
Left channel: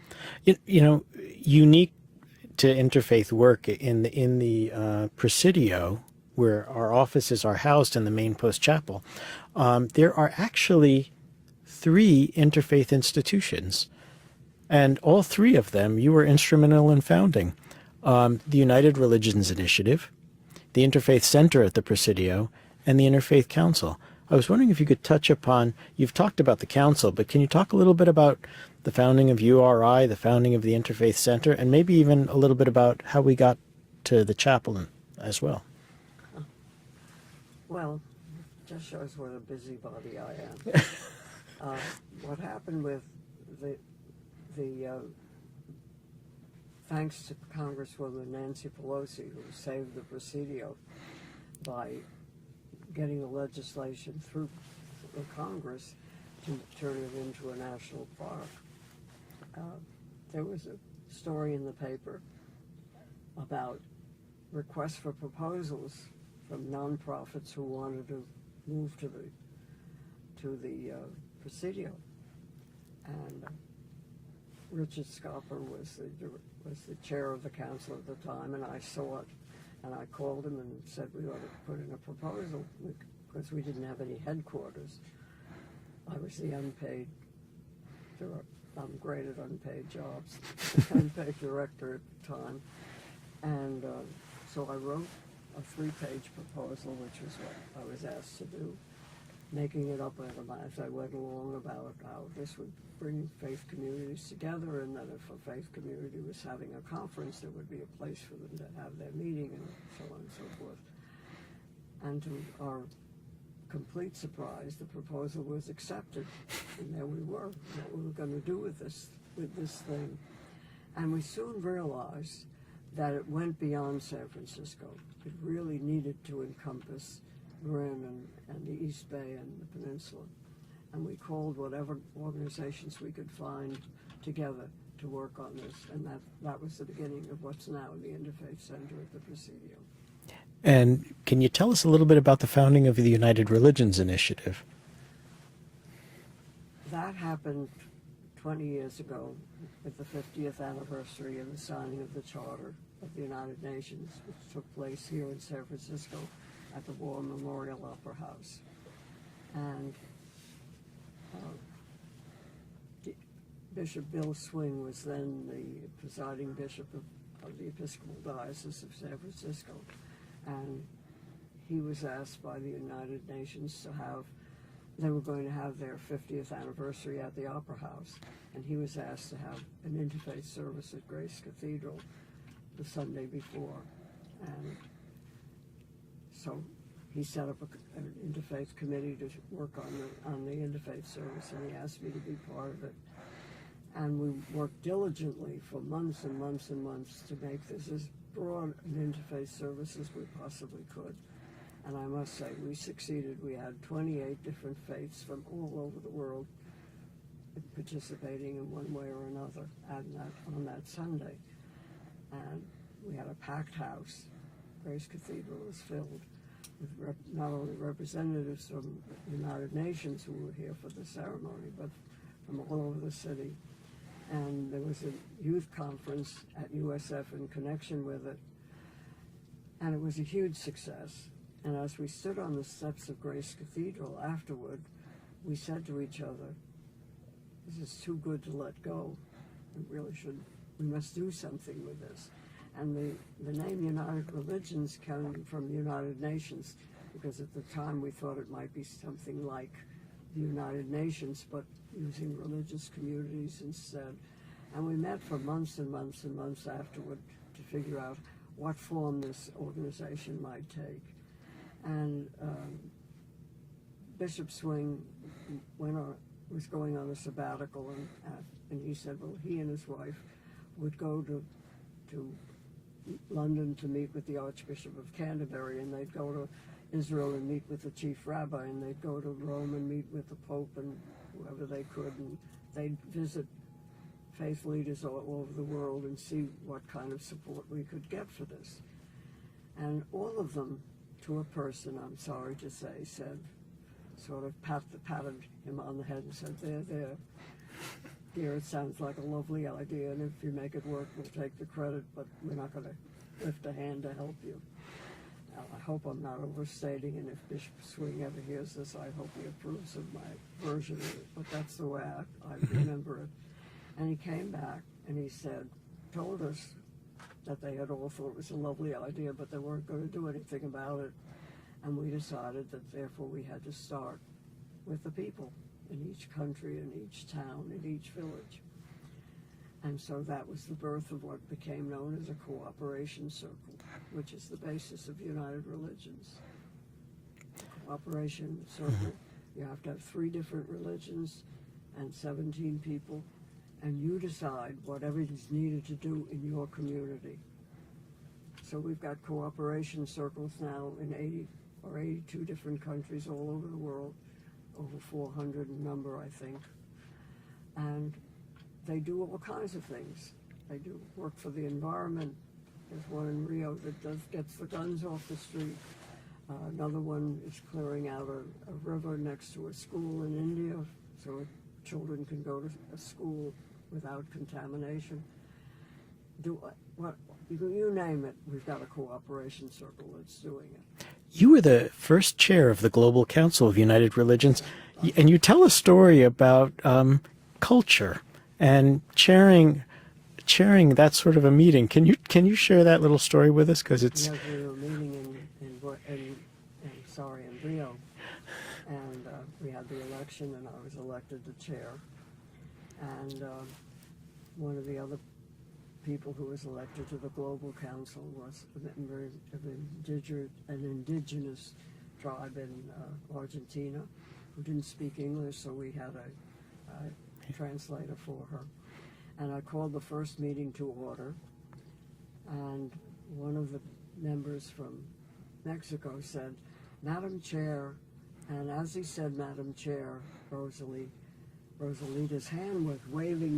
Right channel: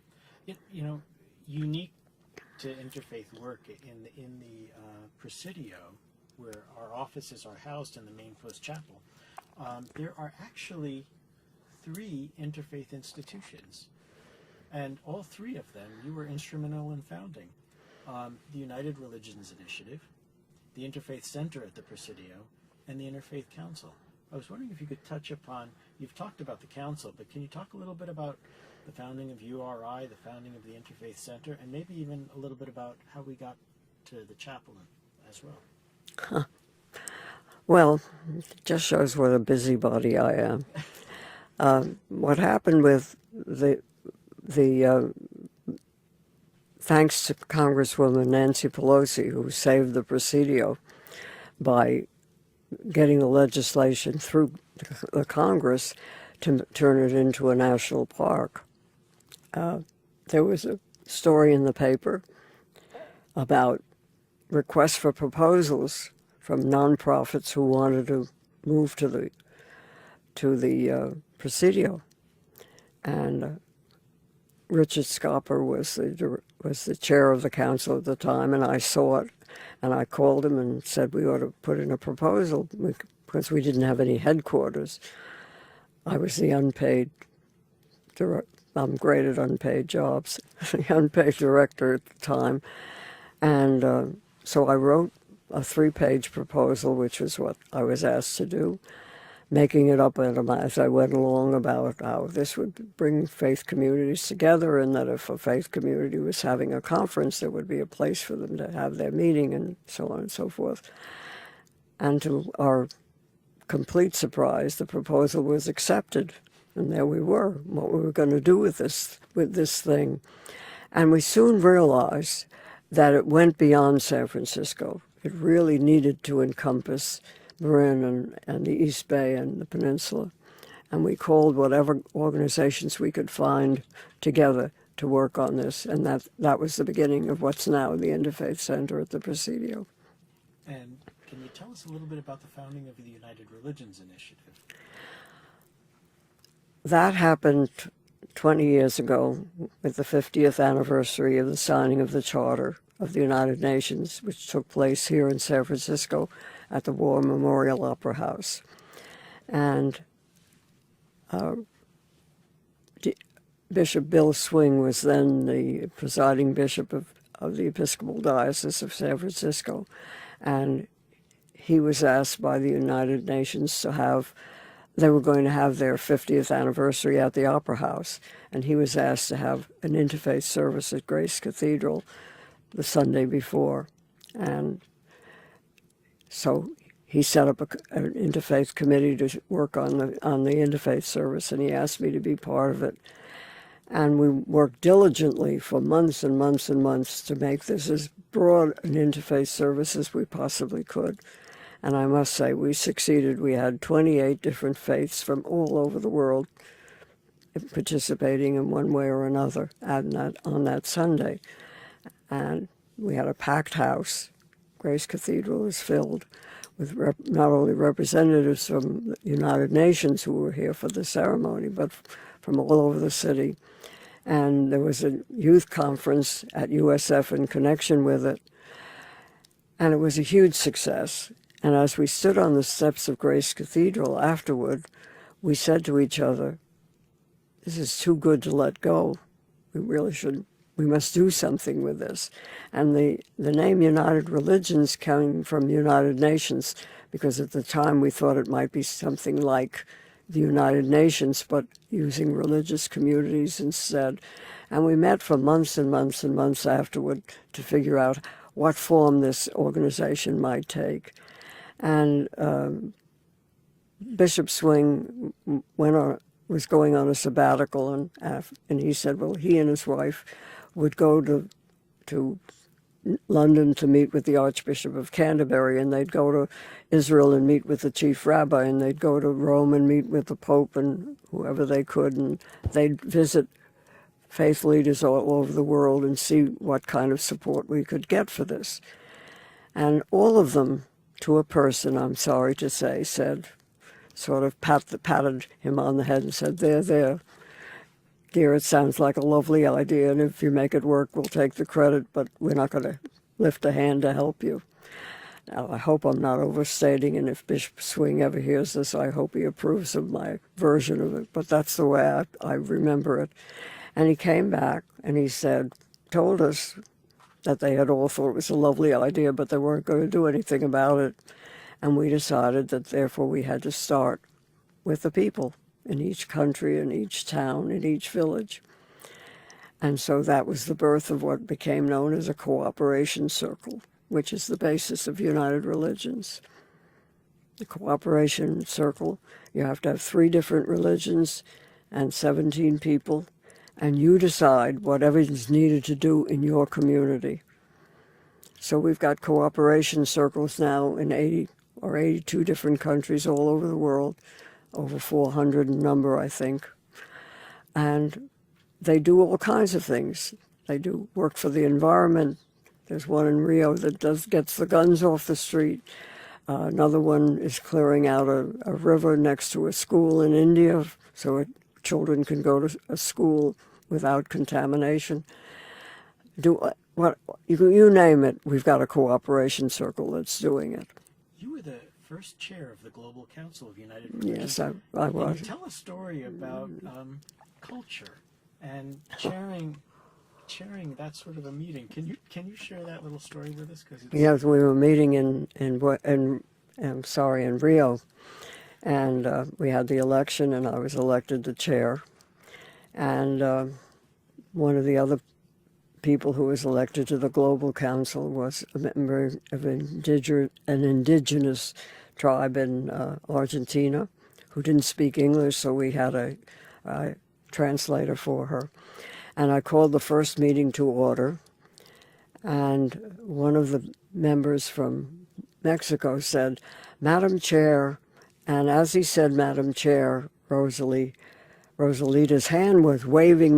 You know, unique to interfaith work in the Presidio, where our offices are housed in the main post chapel, there are actually 3 interfaith institutions, and all 3 of them you were instrumental in founding. The United Religions Initiative, the Interfaith Center at the Presidio, and the Interfaith Council. I was wondering if you could touch upon, you've talked about the council, but can you talk a little bit about the founding of URI, the founding of the Interfaith Center, and maybe even a little bit about how we got to the chapel as well? Well, it just shows what a busybody I am. What happened with thanks to Congresswoman Nancy Pelosi, who saved the Presidio by getting the legislation through the Congress to turn it into a national park. There was a story in the paper about requests for proposals from nonprofits who wanted to move to the Presidio, and Richard Scopper was the chair of the council at the time, and I saw it, and I called him and said we ought to put in a proposal because we didn't have any headquarters. I was the unpaid I'm great at unpaid jobs, unpaid director at the time. And so I wrote a 3-page proposal, which was what I was asked to do, making it up as I went along about how this would bring faith communities together, and that if a faith community was having a conference, there would be a place for them to have their meeting, and so on and so forth. And to our complete surprise, the proposal was accepted, and there we were, what we were going to do with this thing. And we soon realized that it went beyond San Francisco. It really needed to encompass Marin and the East Bay and the peninsula. And we called whatever organizations we could find together to work on this. And that was the beginning of what's now the Interfaith Center at the Presidio. And can you tell us a little bit about the founding of the United Religions Initiative? That happened 20 years ago with the 50th anniversary of the signing of the Charter of the United Nations, which took place here in San Francisco at the War Memorial Opera House. And Bishop Bill Swing was then the presiding bishop of the Episcopal Diocese of San Francisco. And he was asked by the United Nations they were going to have their 50th anniversary at the Opera House. And he was asked to have an interfaith service at Grace Cathedral the Sunday before. And so he set up an interfaith committee to work on the interfaith service, and he asked me to be part of it. And we worked diligently for months and months and months to make this as broad an interfaith service as we possibly could. And I must say, we succeeded. We had 28 different faiths from all over the world participating in one way or another on that Sunday. And we had a packed house. Grace Cathedral was filled with not only representatives from the United Nations who were here for the ceremony, but from all over the city. And there was a youth conference at USF in connection with it. And it was a huge success. And as we stood on the steps of Grace Cathedral afterward, we said to each other, this is too good to let go. We must do something with this. And the name United Religions came from United Nations, because at the time we thought it might be something like the United Nations, but using religious communities instead. And we met for months and months and months afterward to figure out what form this organization might take. And Bishop Swing was going on a sabbatical, and he said, well, he and his wife would go to London to meet with the Archbishop of Canterbury, and they'd go to Israel and meet with the chief rabbi, and they'd go to Rome and meet with the Pope and whoever they could, and they'd visit faith leaders all over the world and see what kind of support we could get for this. And all of them, to a person, I'm sorry to say, said, sort of patted him on the head and said, there, dear, it sounds like a lovely idea, and if you make it work, we'll take the credit, but we're not going to lift a hand to help you. Now, I hope I'm not overstating, and if Bishop Swing ever hears this, I hope he approves of my version of it, but that's the way I remember it. And he came back, and he told us that they had all thought it was a lovely idea, but they weren't going to do anything about it. And we decided that therefore we had to start with the people in each country, in each town, in each village. And so that was the birth of what became known as a cooperation circle, which is the basis of United Religions. The cooperation circle, you have to have 3 different religions and 17 people, and you decide whatever is needed to do in your community. So we've got cooperation circles now in 80 or 82 different countries all over the world, over 400 in number, I think. And they do all kinds of things. They do work for the environment. There's one in Rio that gets the guns off the street. Another one is clearing out a river next to a school in India so children can go to a school without contamination. You name it, we've got a cooperation circle that's doing it. You were the first chair of the Global Council of United Religions, Yes, I and you was. tell a story about culture and chairing that sort of a meeting. Can you share that little story with us? Because it's Yes, we were meeting in Rio, and we had the election, and I was elected the chair. And one of the other people who was elected to the Global Council was a member of an indigenous tribe in Argentina who didn't speak English, so we had a translator for her. And I called the first meeting to order, and one of the members from Mexico said, "Madam Chair," and as he said, "Madam Chair," Rosalita's hand was waving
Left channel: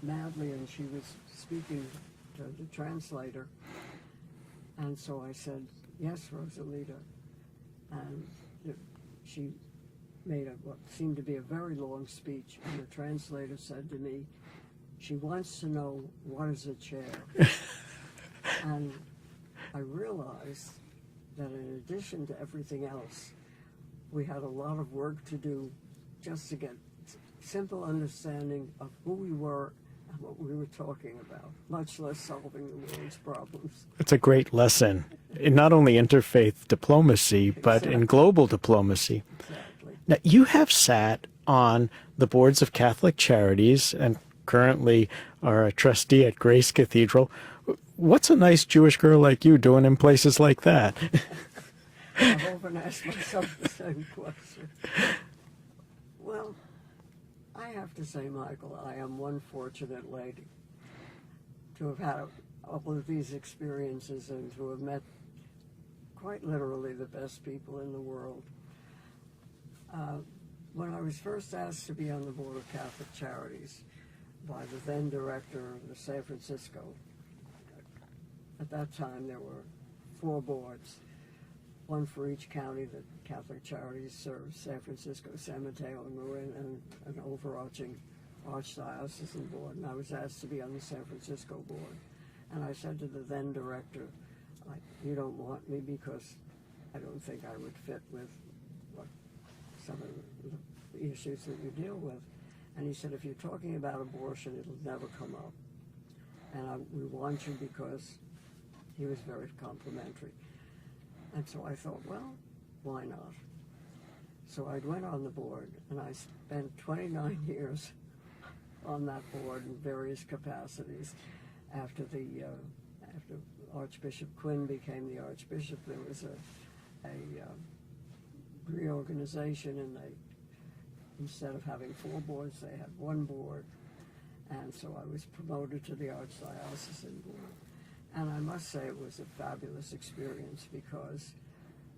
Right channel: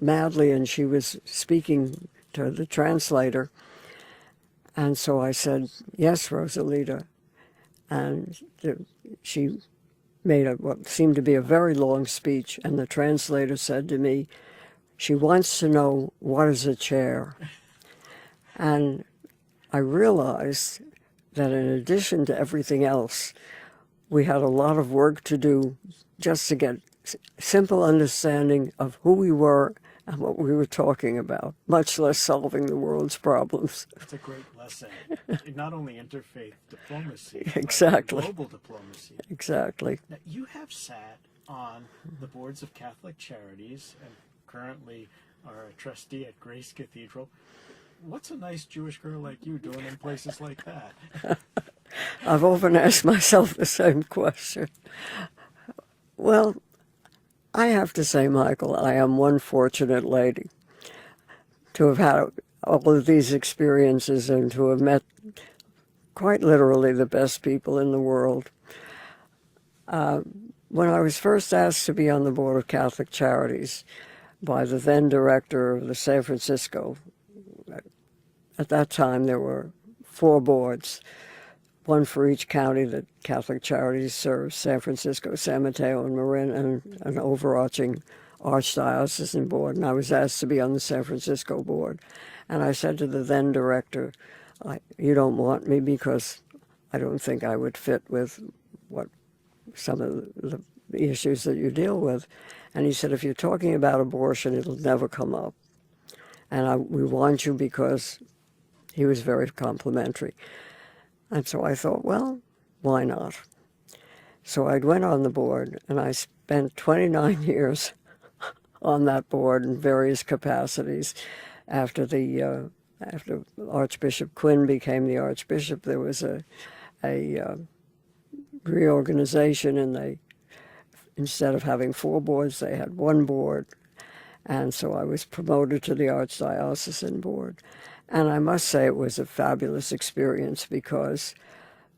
madly, and she was speaking to the translator. And so I said, "Yes, Rosalita." And she made what seemed to be a very long speech, and the translator said to me, "She wants to know, what is a chair?" And I realized that in addition to everything else, we had a lot of work to do just to get simple understanding of who we were and what we were talking about, much less solving the world's problems. It's a great lesson in not only interfaith diplomacy, but in global diplomacy. Exactly. Now, you have sat on the boards of Catholic Charities and currently are a trustee at Grace Cathedral. What's a nice Jewish girl like you doing in places like that? I've often asked myself the same question. Well, I have to say, Michael, I am one fortunate lady to have had all of these experiences and to have met quite literally the best people in the world. When I was first asked to be on the board of Catholic Charities by the then director of the San Francisco, at that time there were 4 boards, one for each county that Catholic Charities serves: San Francisco, San Mateo, and Marin, and an overarching archdiocesan board. And I was asked to be on the San Francisco board. And I said to the then director, "You don't want me because I don't think I would fit with what some of the issues that you deal with." And he said, "If you're talking about abortion, it'll never come up. And we want you," because he was very complimentary. And so I thought, well, why not? So I went on the board, and I spent 29 years on that board in various capacities. After Archbishop Quinn became the Archbishop, there was a reorganization, and instead of having 4 boards, they had 1 board. And so I was promoted to the Archdiocesan board. And I must say it was a fabulous experience, because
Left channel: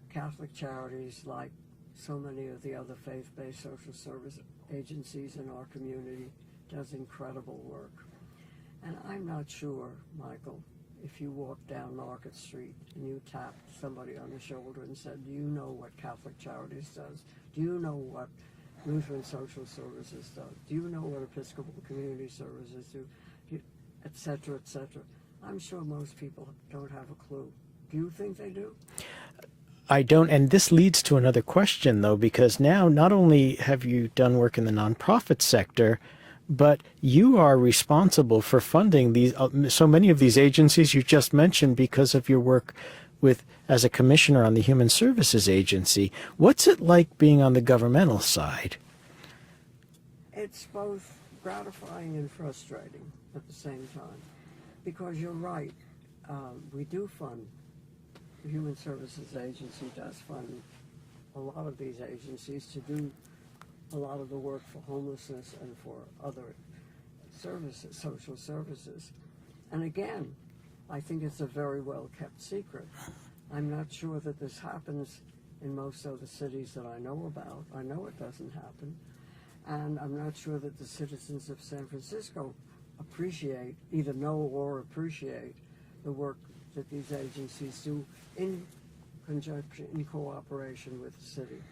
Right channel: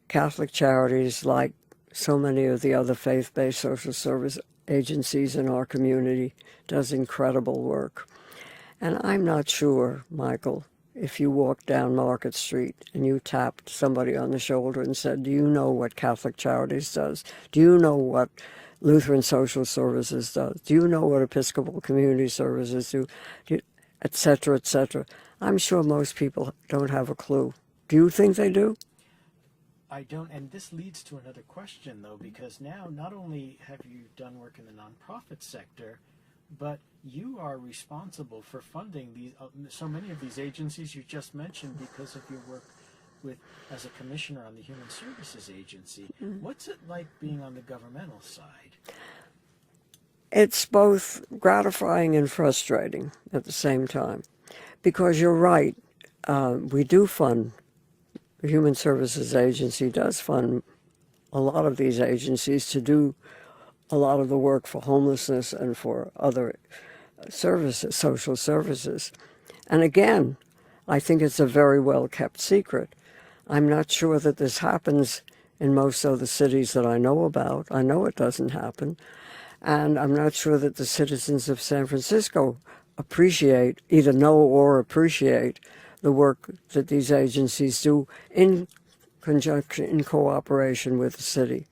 Catholic Charities, like so many of the other faith-based social service agencies in our community, does incredible work. And I'm not sure, Michael, if you walked down Market Street and you tapped somebody on the shoulder and said, "Do you know what Catholic Charities does? Do you know what Lutheran Social Services does? Do you know what Episcopal Community Services do?" Et cetera, et cetera. I'm sure most people don't have a clue. Do you think they do? I don't, and this leads to another question, though, because now not only have you done work in the nonprofit sector, but you are responsible for funding these so many of these agencies you just mentioned because of your work as a commissioner on the Human Services Agency. What's it like being on the governmental side? It's both gratifying and frustrating at the same time, because you're right. We do fund, the Human Services Agency does fund a lot of these agencies to do a lot of the work for homelessness and for other services, social services. And again, I think it's a very well-kept secret. I'm not sure that this happens in most of the cities that I know about. I know it doesn't happen. And I'm not sure that the citizens of San Francisco either know or appreciate the work that these agencies do in conjunction, in cooperation with the city.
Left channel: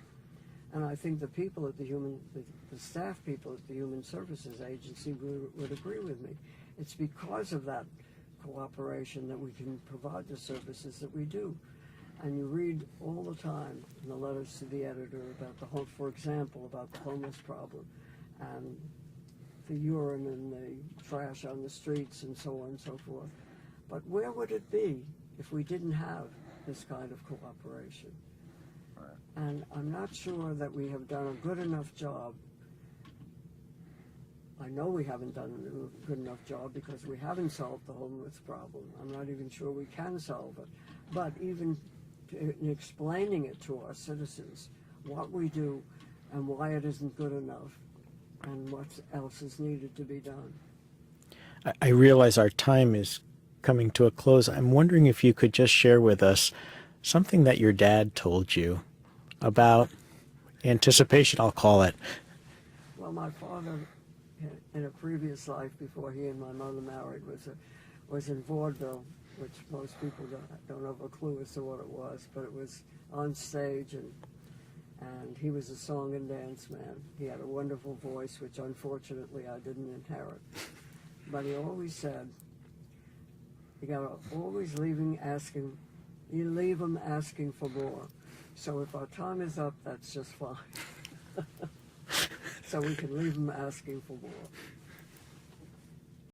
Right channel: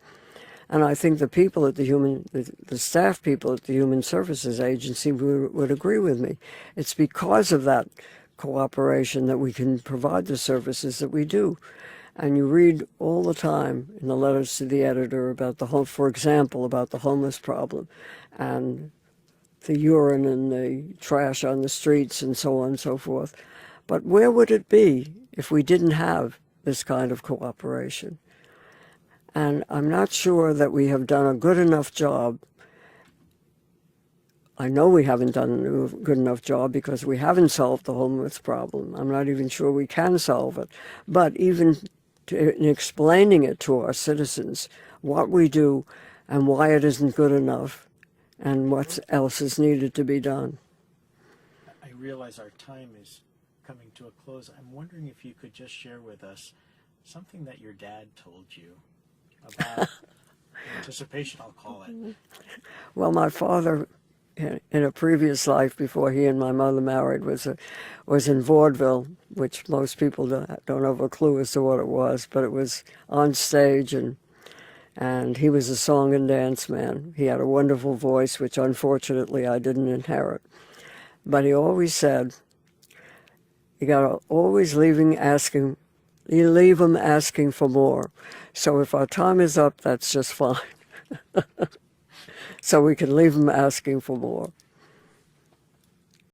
And I think the people at the staff people at the Human Services Agency would agree with me. It's because of that cooperation that we can provide the services that we do. And you read all the time in the letters to the editor about for example, about the homeless problem. And the urine and the trash on the streets and so on and so forth. But where would it be if we didn't have this kind of cooperation? And I'm not sure that we have done a good enough job. I know we haven't done a good enough job because we haven't solved the homeless problem. I'm not even sure we can solve it. But even in explaining it to our citizens, what we do and why it isn't good enough and what else is needed to be done. I realize our time is coming to a close. I'm wondering if you could just share with us something that your dad told you about anticipation, I'll call it. Well, my father, in a previous life before he and my mother married, was in vaudeville, which most people don't have a clue as to what it was, but it was on stage, and he was a song and dance man. He had a wonderful voice, which unfortunately I didn't inherit. But he always said, you gotta always leave them asking for more. So if our time is up, that's just fine. So we can leave them asking for more.